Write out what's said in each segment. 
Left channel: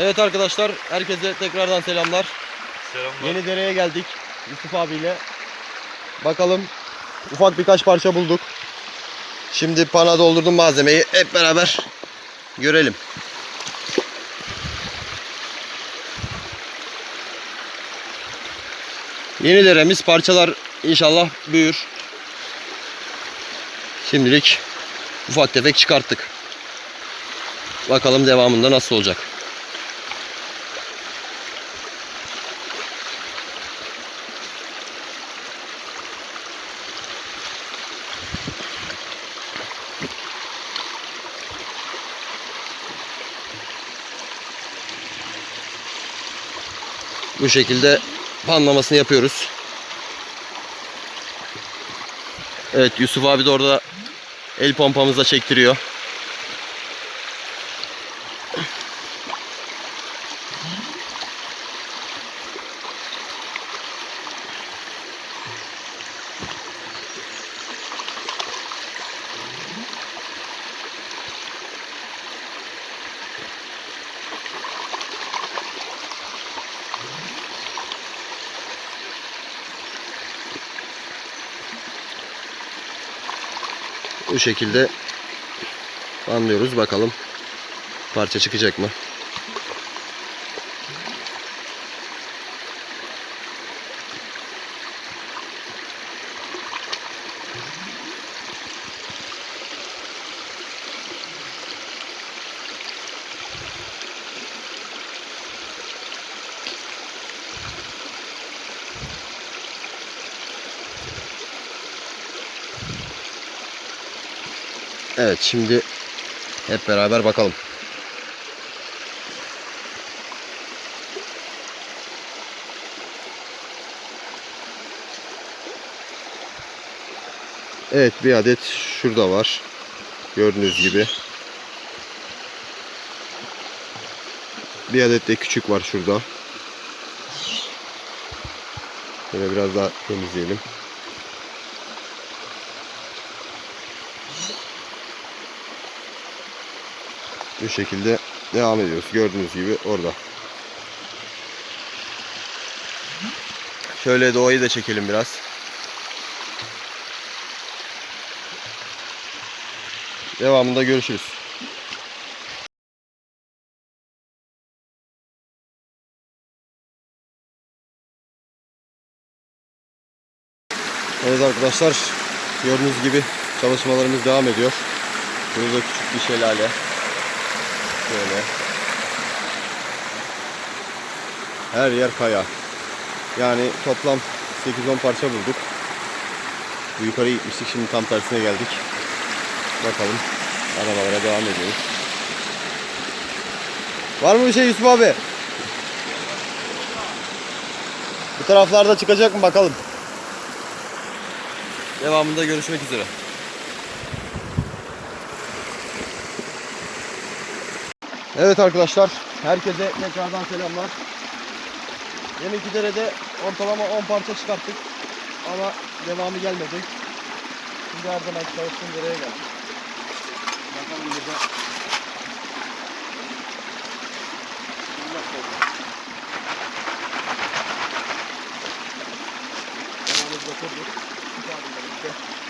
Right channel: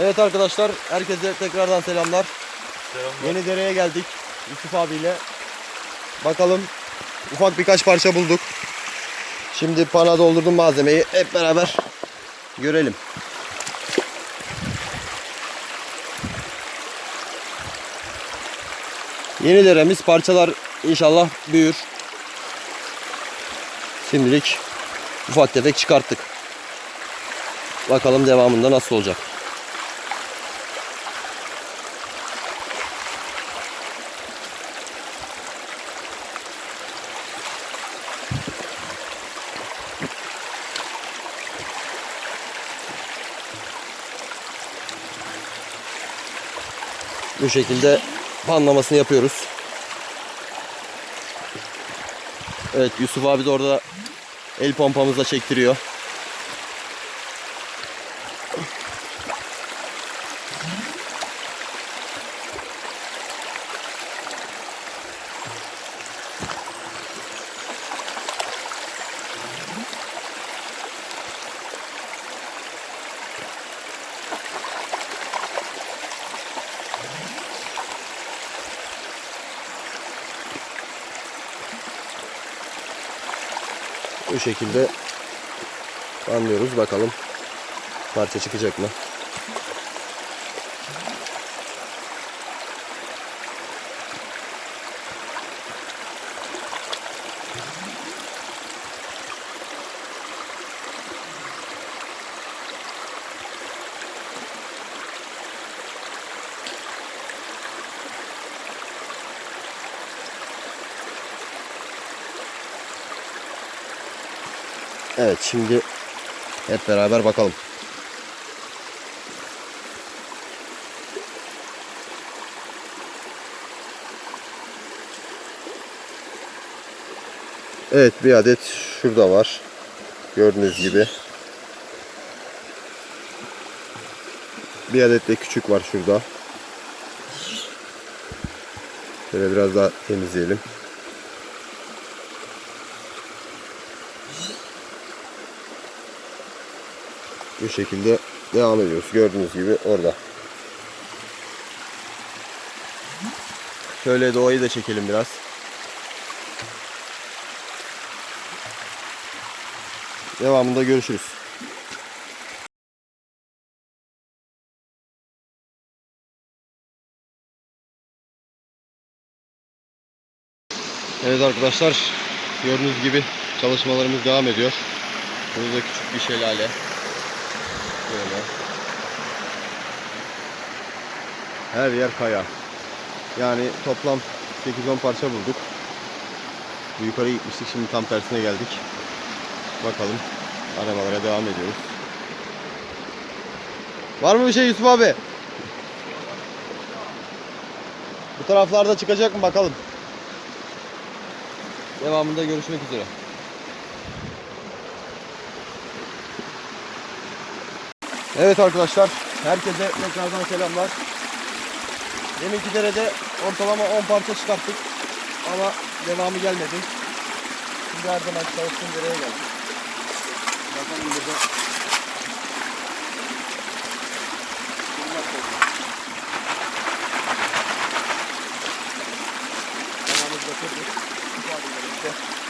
Evet arkadaşlar, herkese tekrardan selamlar. Selamlar. Yeni dereye geldik Yusuf abiyle. Bakalım ufak birkaç parça bulduk. Şimdi pana doldurdum malzemeyi. Hep beraber görelim. Yeni deremiz parçalar inşallah büyür. Şimdilik ufak tefek çıkarttık. Bakalım devamında nasıl olacak. Bu şekilde panlamasını yapıyoruz. Evet Yusuf abi de orada el pompamızla çektiriyor. Bu şekilde anlıyoruz. Bakalım parça çıkacak mı? Evet şimdi hep beraber bakalım. Evet bir adet şurada var. Gördüğünüz gibi. Bir adet de küçük var şurada. Şöyle biraz daha temizleyelim. Bu şekilde devam ediyoruz. Gördüğünüz gibi orada. Şöyle doğayı da çekelim biraz. Devamında görüşürüz. Evet arkadaşlar gördüğünüz gibi çalışmalarımız devam ediyor. Burada küçük bir şelale. Böyle. Her yer kaya. Yani toplam 8-10 parça bulduk. Bu yukarı gitmiştik. Şimdi tam tersine geldik. Bakalım. Arabalara devam ediyoruz. Var mı bir şey Yusuf abi? Bu taraflarda çıkacak mı bakalım. Devamında görüşmek üzere. Evet arkadaşlar, herkese tekrardan selamlar. Deminki derede ortalama 10 parça çıkarttık ama devamı gelmedi. Şimdi her zaman dereye geldik. Bakalım burada. Tamamımızda kırdık. Bu abiyle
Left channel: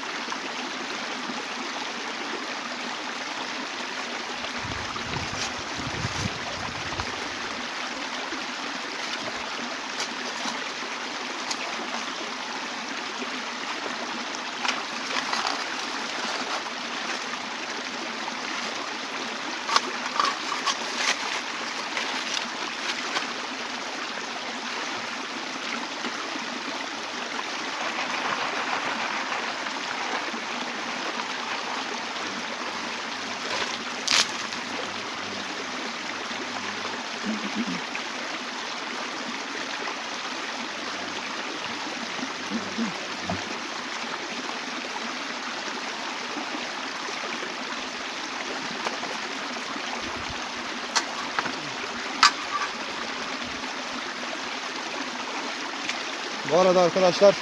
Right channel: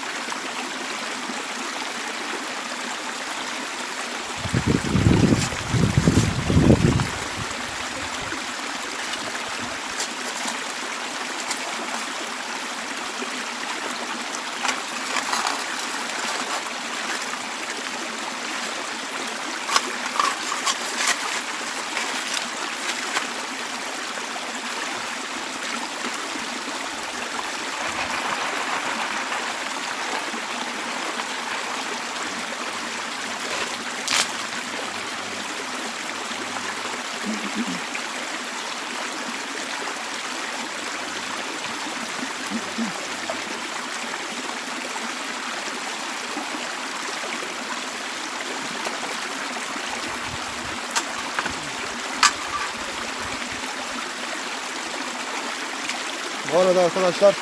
Bu arada arkadaşlar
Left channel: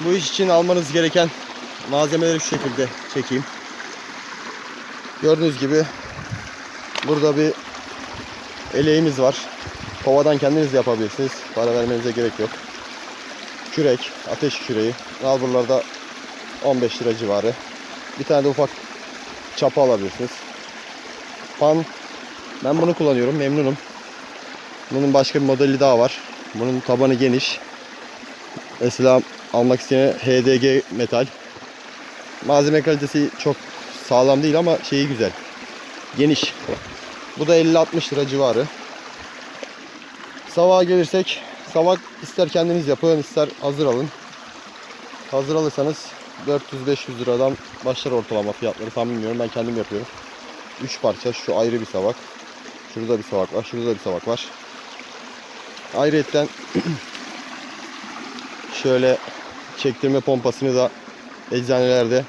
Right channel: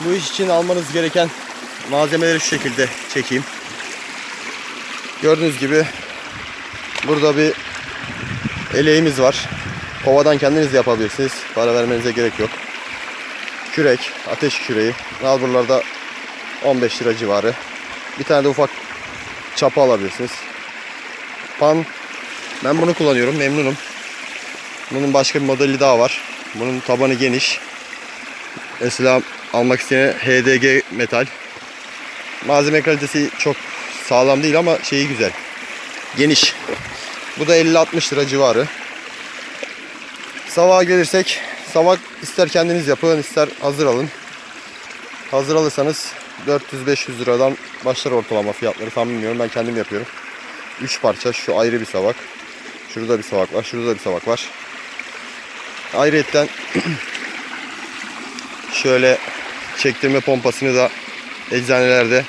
bu iş için almanız gereken malzemeleri şu şekilde çekeyim. Gördüğünüz gibi burada bir eleğimiz var. Kovadan kendiniz yapabilirsiniz. Para vermenize gerek yok. Kürek, ateş küreği. Nalburlarda 15 lira civarı. Bir tane de ufak çapa alabilirsiniz. Pan ben bunu kullanıyorum. Memnunum. Bunun başka bir modeli daha var. Bunun tabanı geniş. Mesela almak isteyene HDG metal. Malzeme kalitesi çok sağlam değil ama şeyi güzel. Geniş. Bu da 50-60 lira civarı. Savağa gelirsek savak ister kendiniz yapın ister hazır alın. Hazır alırsanız 400-500 liradan başlar ortalama fiyatları tam bilmiyorum ben kendim yapıyorum. 3 parça şu ayrı bir savak. Şurada bir savak var şurada bir savak var. Ayrıyetten şöyle çektirme pompasını da eczanelerde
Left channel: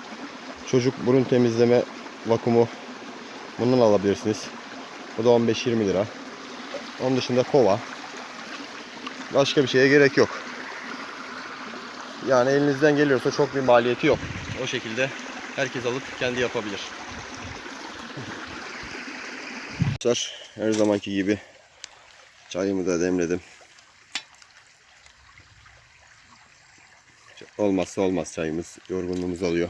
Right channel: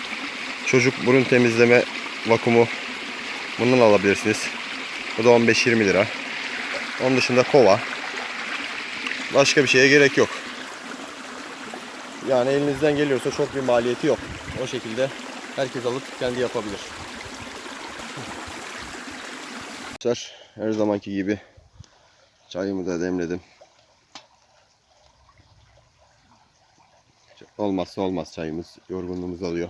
çocuk burun temizleme vakumu bundan alabilirsiniz. Bu da 15-20 lira. Onun dışında kova. Başka bir şeye gerek yok. Yani elinizden geliyorsa çok bir maliyeti yok. O şekilde herkes alıp kendi yapabilir. Her zamanki gibi çayımı da demledim. Olmazsa olmaz çayımız. Yorgunluğumuz alıyor.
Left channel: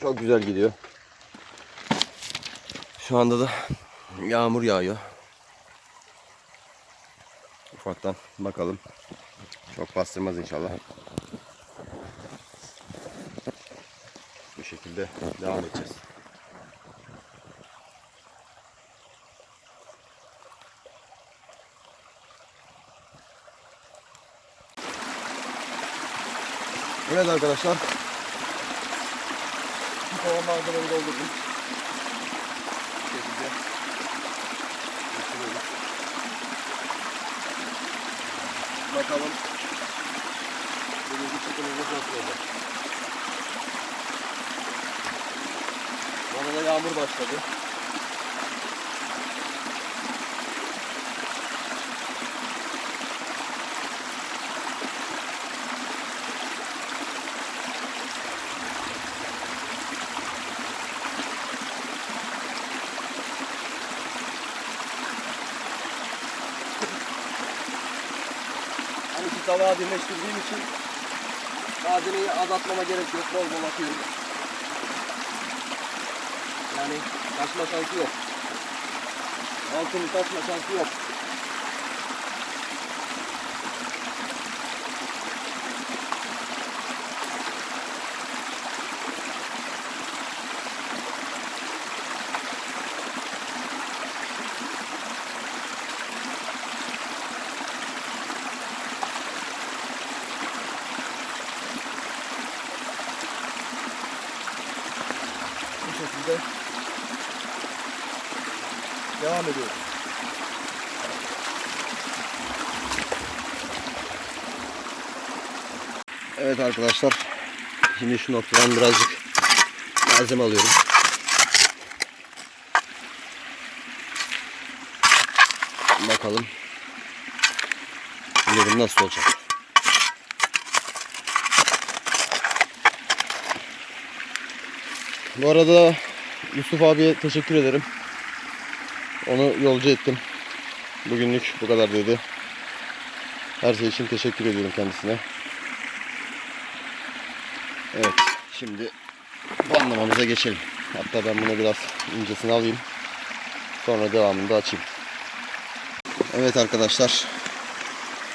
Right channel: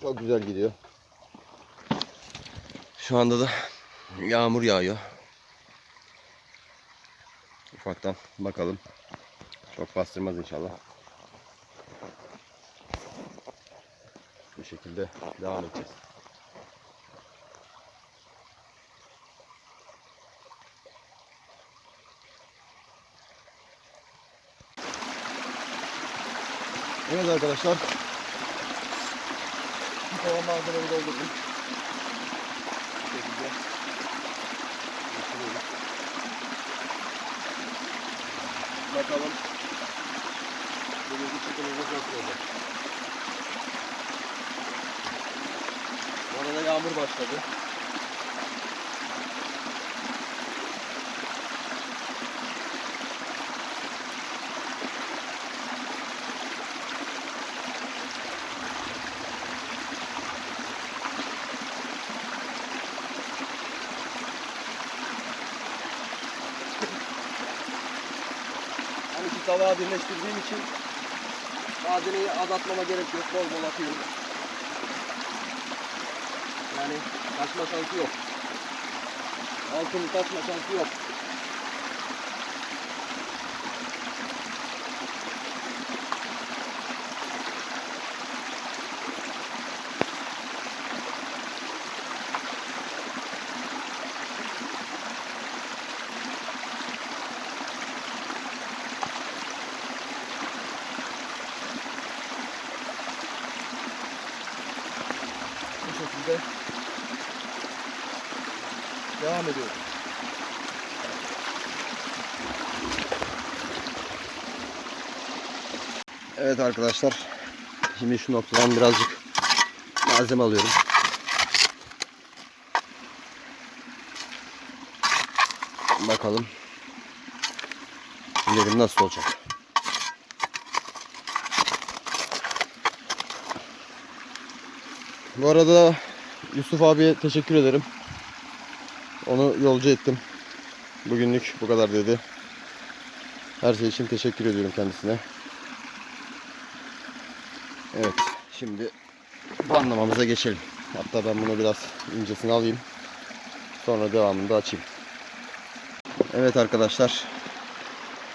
Çok güzel gidiyor. Şu anda da yağmur yağıyor. Ufaktan bakalım. Çok bastırmaz inşallah. Bu şekilde devam edeceğiz. Evet arkadaşlar. Bir kova malzemeyi doldurdum. Bu şekilde. Bakalım. Bugünkü çıkımımız nasıl olacak? Bu arada yağmur başladı. Tavağı birleştirdiğim için malzemeyi az gerek yok. Bol bol atıyorum. Yani taşma şansı yok. Altını taşma şansı yok. Şekilde devam ediyoruz. Evet arkadaşlar. Şimdi şu noktadan birazcık malzeme alıyorum. Bakalım. Dedim nasıl olacak. Bu arada Yusuf abiye teşekkür ederim. Onu yolcu ettim. Bugünlük bu kadar dedi. Her şey için teşekkür ediyorum kendisine. Evet, şimdi banlamamıza geçelim. Hatta ben bunu biraz incesini alayım. Sonra devamını da açayım. Evet arkadaşlar.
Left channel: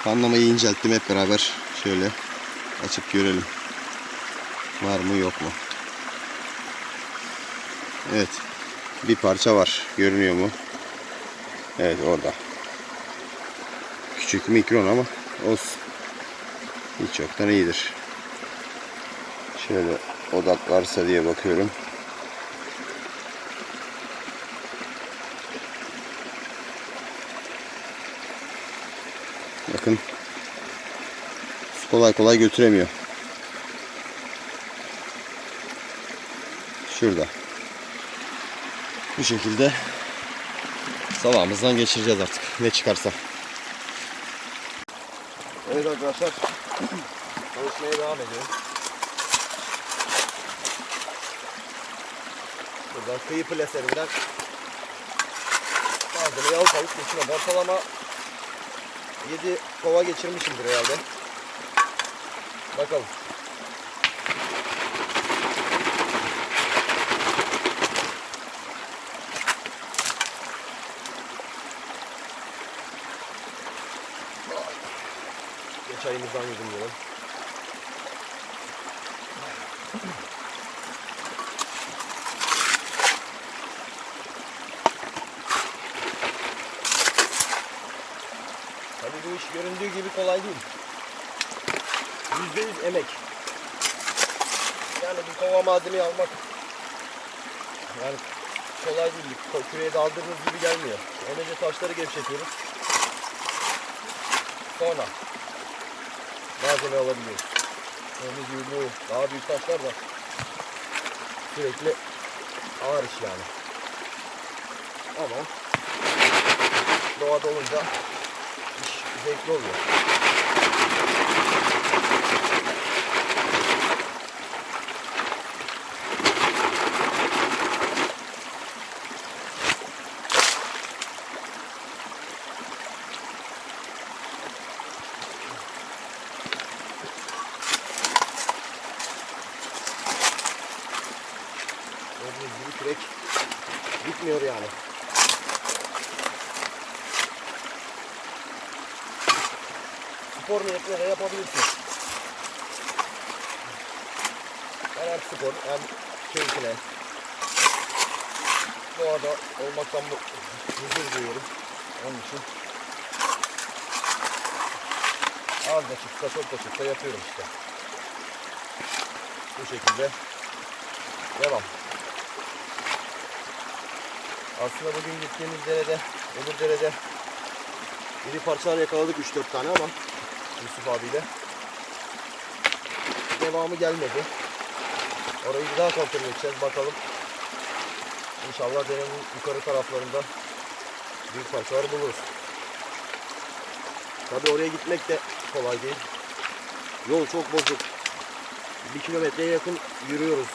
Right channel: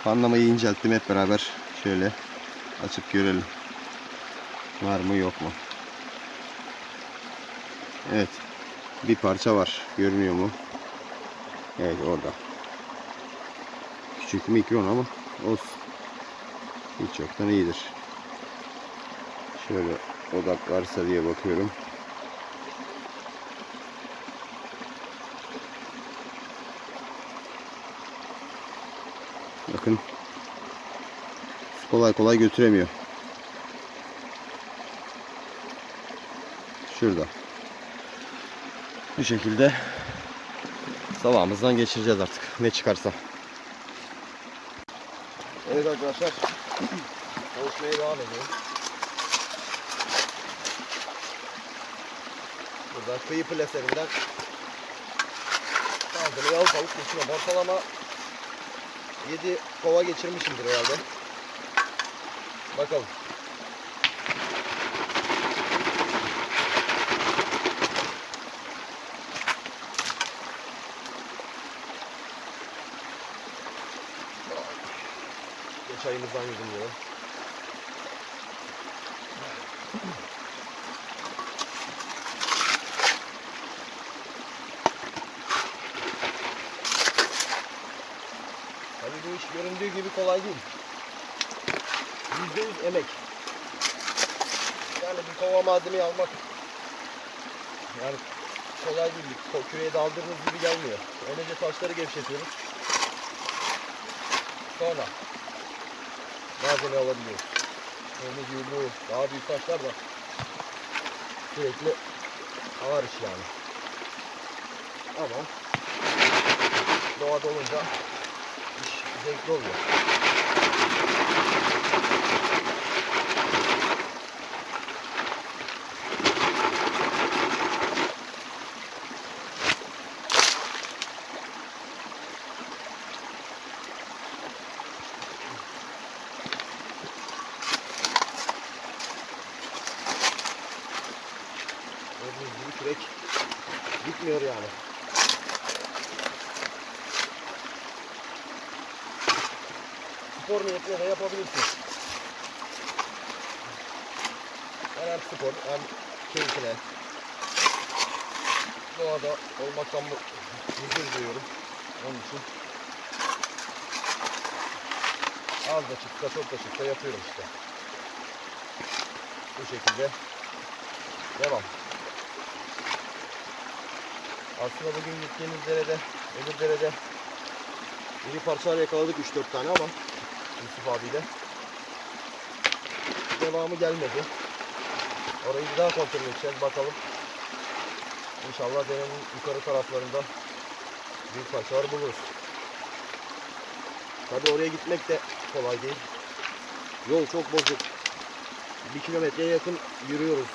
Panlamayı incelttim hep beraber. Şöyle açıp görelim. Var mı yok mu? Evet. Bir parça var. Görünüyor mu? Evet orada. Küçük mikron ama olsun. Hiç yoktan iyidir. Şöyle odaklarsa diye bakıyorum. Bakın. Kolay kolay götüremiyor. Şurada. Bu şekilde sabahımızdan geçireceğiz artık. Ne çıkarsa. Evet arkadaşlar. Çalışmaya devam ediyorum. Burada kıyı plaserinden bazı malzemeyi alıp alıp geçiyorum. Ortalama 7 kova geçirmişimdir herhalde. Bakalım. Geç ayımızdan yudumlayalım. Tabii bu iş göründüğü gibi kolay değil. Yüzde yüz emek. Yani bir kova malzemeyi almak yani kolay değil. Küreye daldırdığınız gibi gelmiyor. Önce taşları gevşetiyoruz. Sonra malzeme alabiliyoruz. Gördüğünüz gibi bu daha büyük taşlar da sürekli ağır iş yani. Ama doğada olunca iş zevkli oluyor. Gördüğünüz gibi kürek bitmiyor yani. Spor niyetine de yapabilirsin. Ben hem spor hem keyfine doğada olmaktan huzur duyuyorum. Onun için az da çıksa çok da çıksa yapıyorum işte. Bu şekilde devam. Aslında bugün gittiğimiz derede, öbür derede iri parçalar yakaladık 3-4 tane ama Yusuf abiyle. Devamı gelmedi. Orayı bir daha kontrol edeceğiz bakalım. İnşallah derenin yukarı taraflarında büyük parçalar buluruz. Tabi oraya gitmek de kolay değil. Yol çok bozuk. Bir kilometreye yakın yürüyoruz.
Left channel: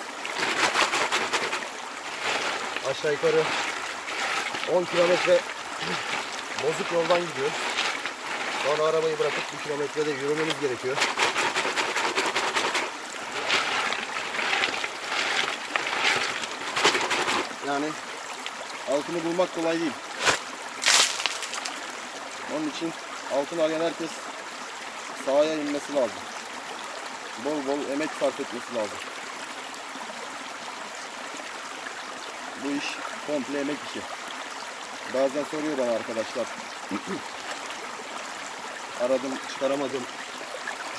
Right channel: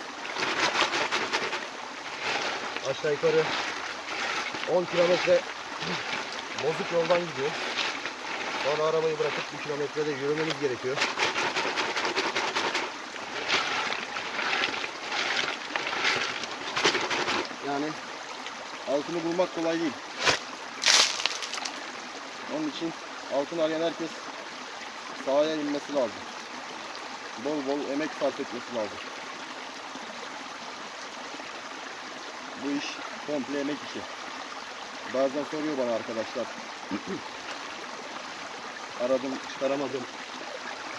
Aşağı yukarı 10 kilometre bozuk yoldan gidiyor. Sonra arabayı bırakıp bir kilometrede yürümemiz gerekiyor. Yani altını bulmak kolay değil. Onun için altın arayan herkes sahaya inmesi lazım. Bol bol emek sarf etmesi lazım. Bu iş komple emek işi. Bazen soruyor bana arkadaşlar. Aradım, çıkaramadım.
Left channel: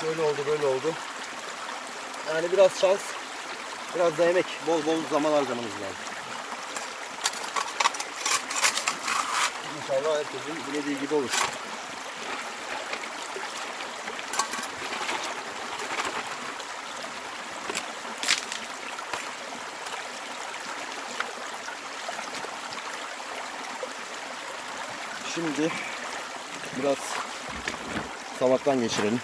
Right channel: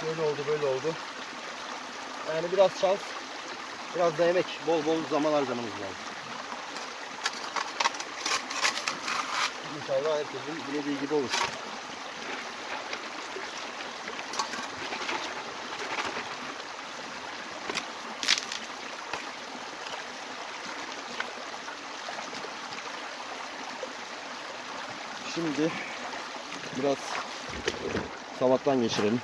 Şöyle oldu, böyle oldu. Yani biraz şans, biraz da emek. Bol bol zaman harcamanız lazım. İnşallah herkesin dilediği gibi olur. Şimdi biraz salattan geçirelim.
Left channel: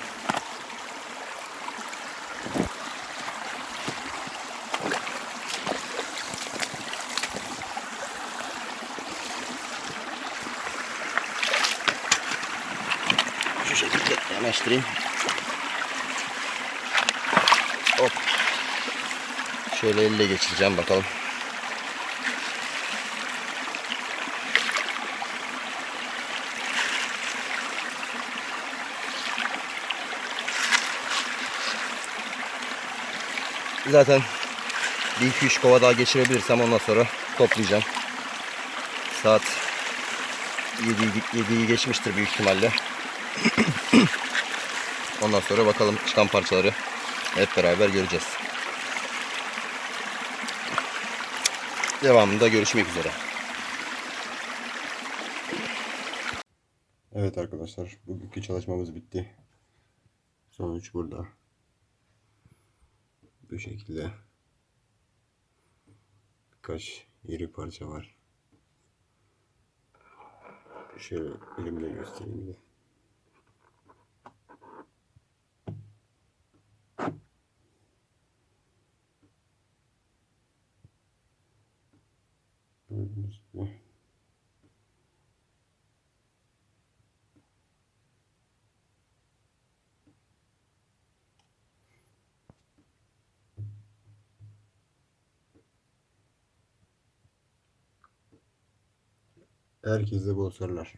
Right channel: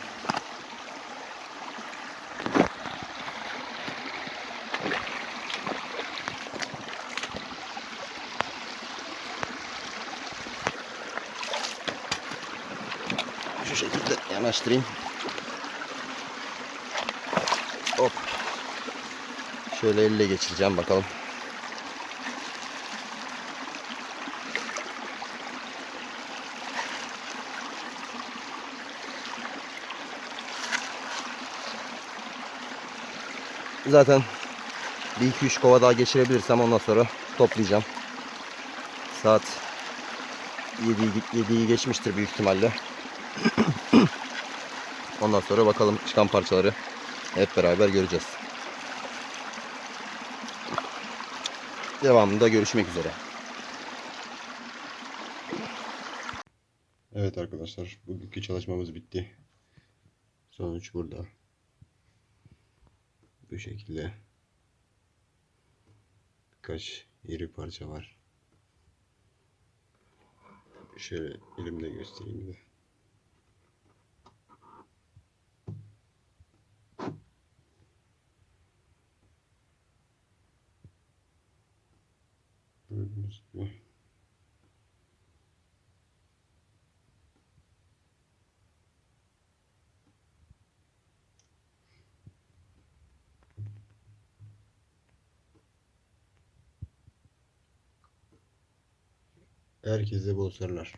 Şu şekilde yanaştırayım. Hop. Şöyle elle geçireceğim bakalım. Zaten bir iki üç kova daha geçirebilirsem ondan sonra toplayacağım. Saat 7'yi 7'yi geçmiştir büyük ihtimalle. ondan sonra bakalım çıkan parçaları hep beraber göreceğiz. Devamında görüşmek üzere. Evet arkadaşlar bugünkü çalışmamız bitti. Sonuç burada. Bu şekilde birkaç iri parça var. Şöyle elimde göstereyim de. Gördüğünüz gibi. Herkese bol sarılar.